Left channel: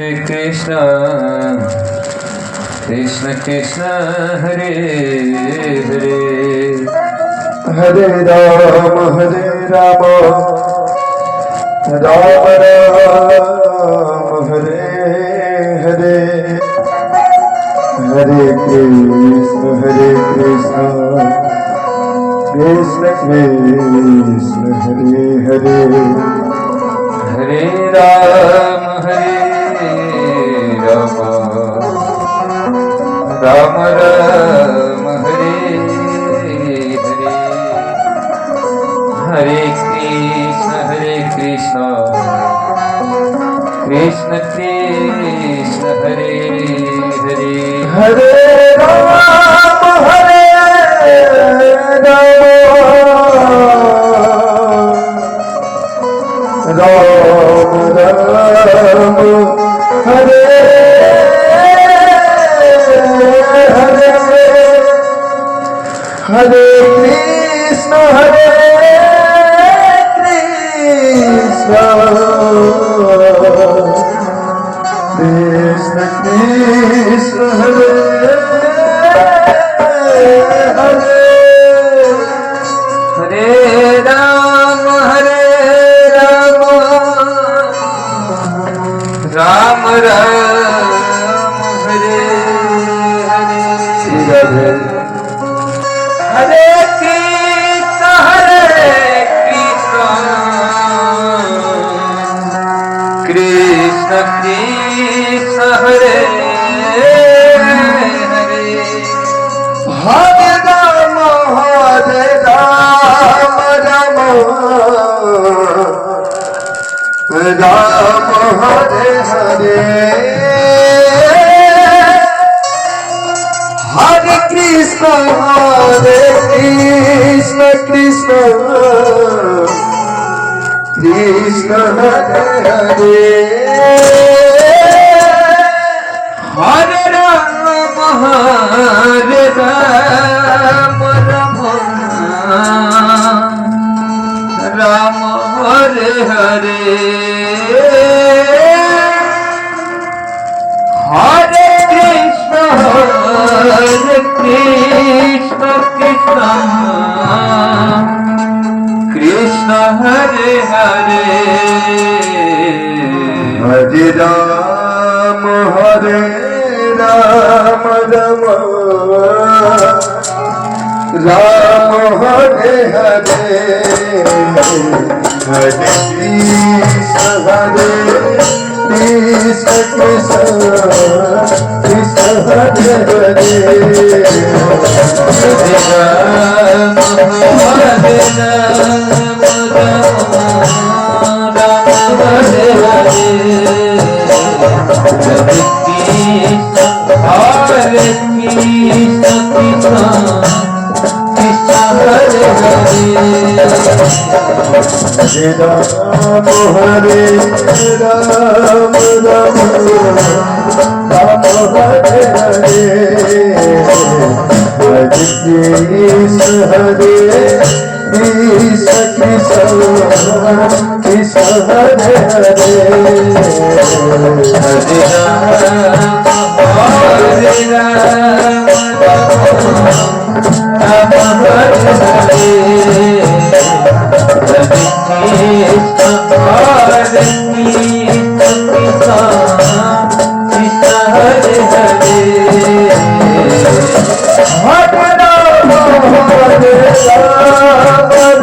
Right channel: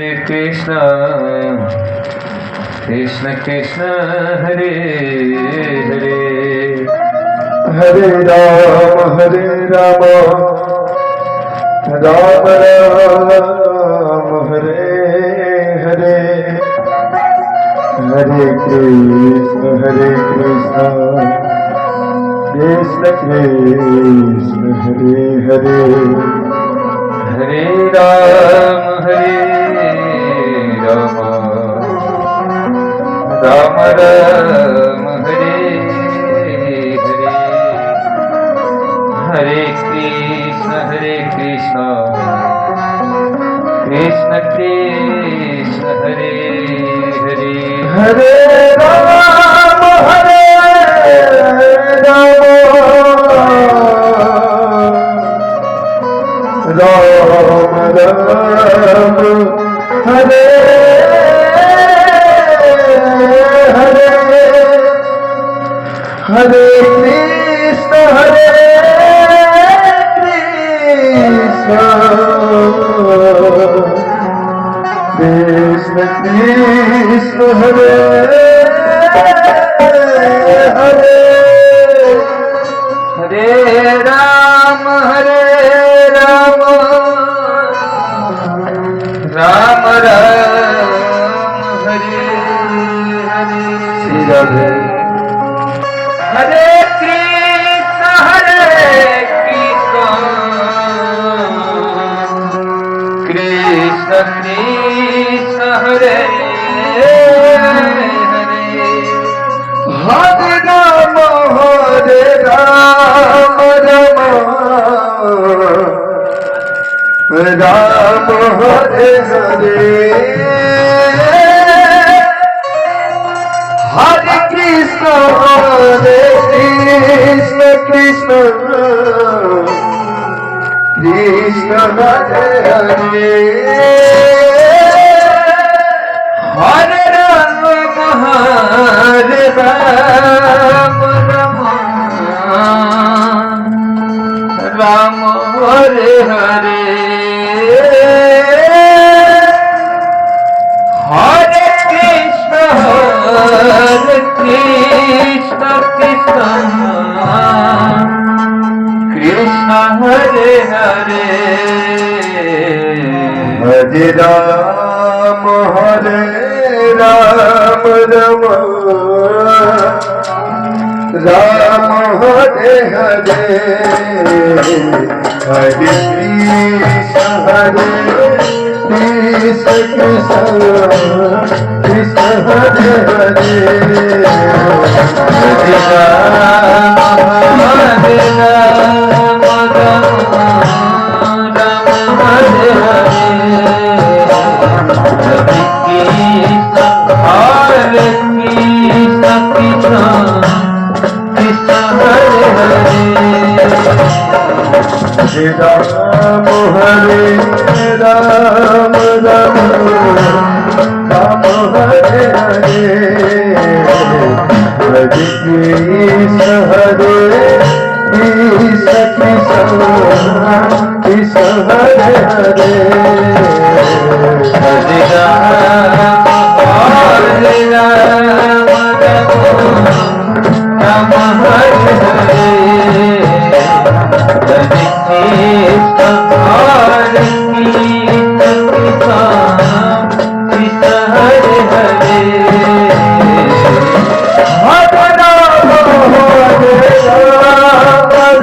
Hare Krishna, Krishna Krishna, Hare Hare, Hare Rama, Rama Rama, Hare Hare, Hare Krishna, Krishna Krishna, Hare Hare, Hare Rama, Rama Rama, Hare Hare, Hare Krishna, Krishna Krishna, Hare Hare, Hare Rama, Ram Ram, Hare Hare, Hare Krishna, Krishna Krishna, Hare Hare, Hare Rama, Rama Rama, Hare Hare, Hare Krishna, Krishna Krishna, Hare Hare, Hare Rama, Rama Hare Hare, Hare Krishna, Krishna Krishna, Hare Hare, Hare Rama, Rama Hare Hare, Hare Krishna, Krishna Krishna, Hare Hare, Hare Rama, Rama Hare Hare,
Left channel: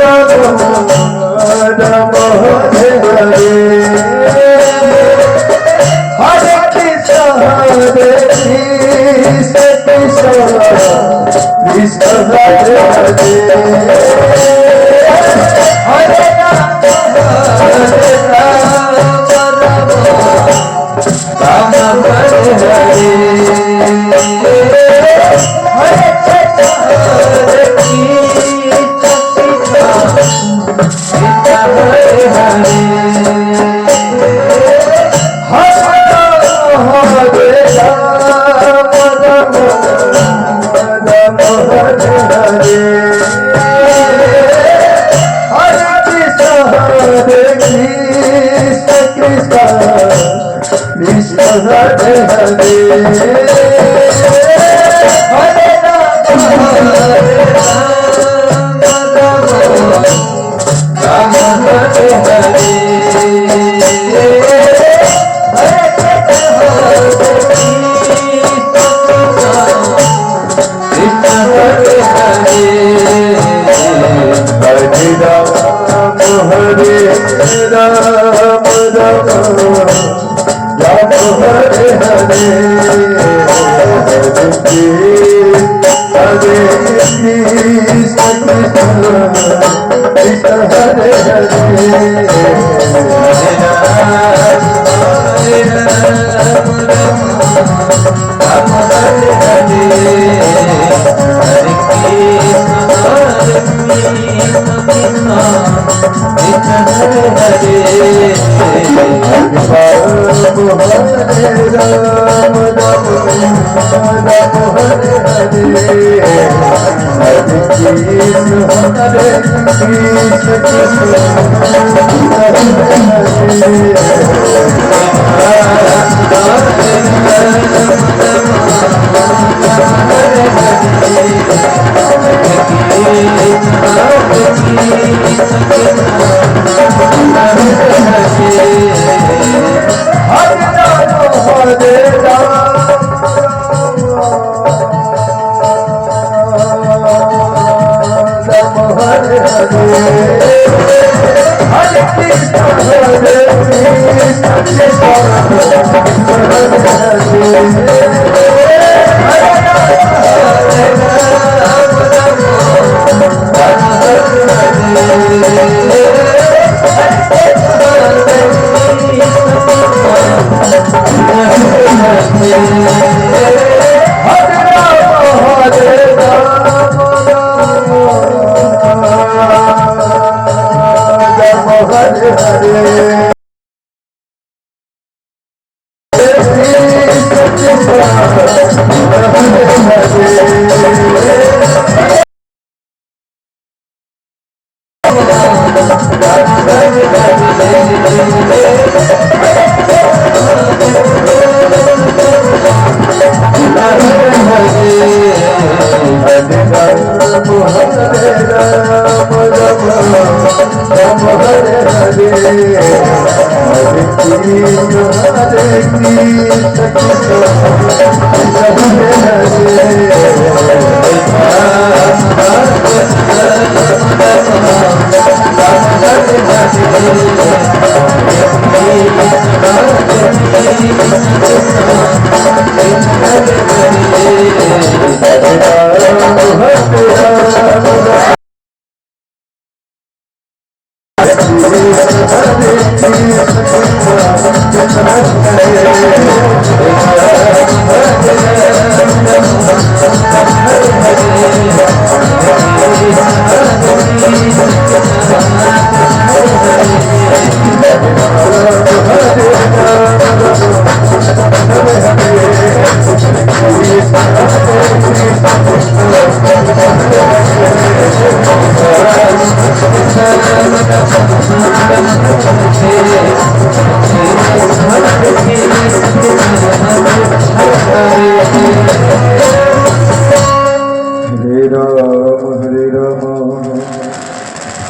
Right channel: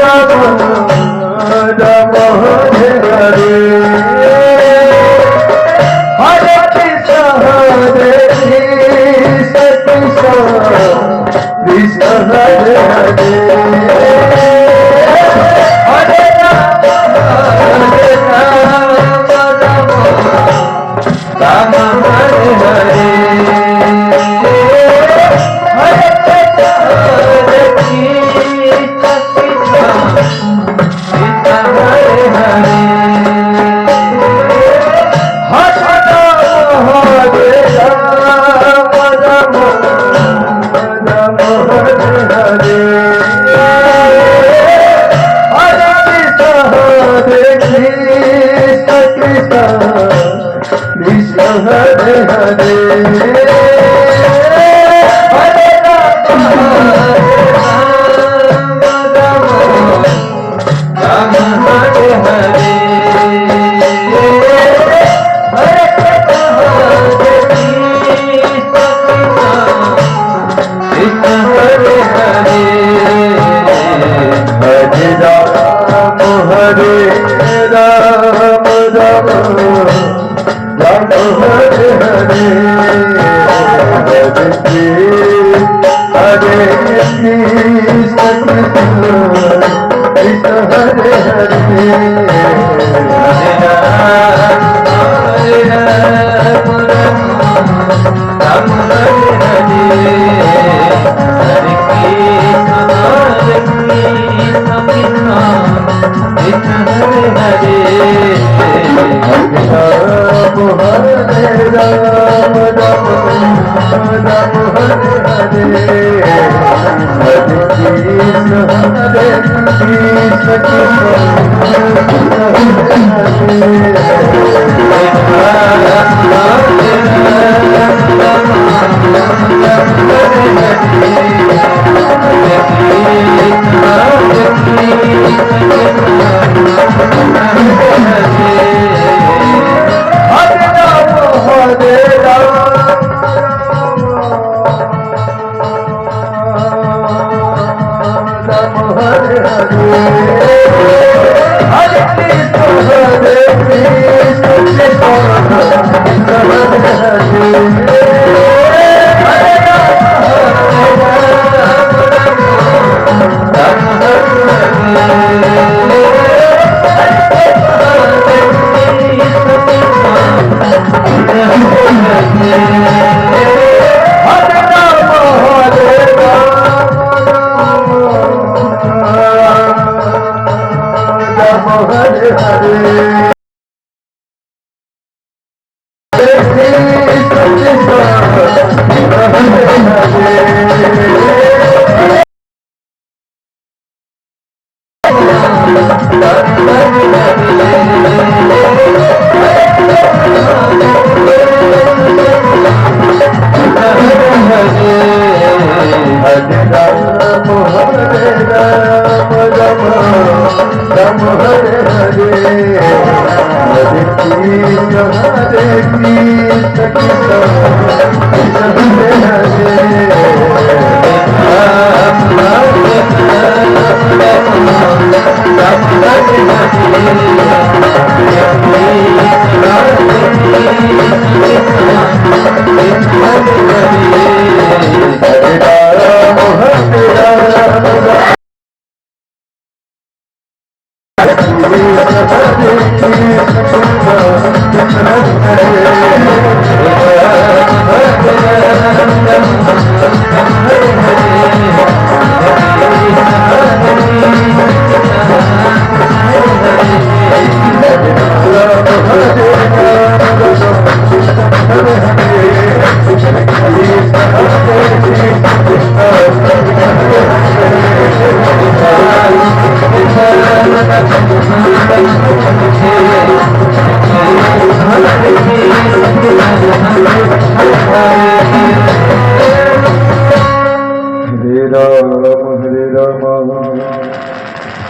Hare Krishna, Krishna Krishna, Hare Hare, Hare Hare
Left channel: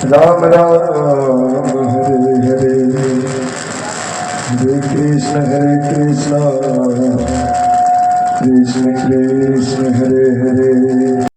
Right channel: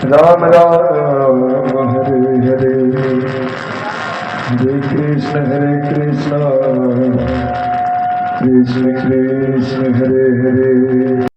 Ram Ram Hare Hare Hare Krishna Krishna Krishna Hare Hare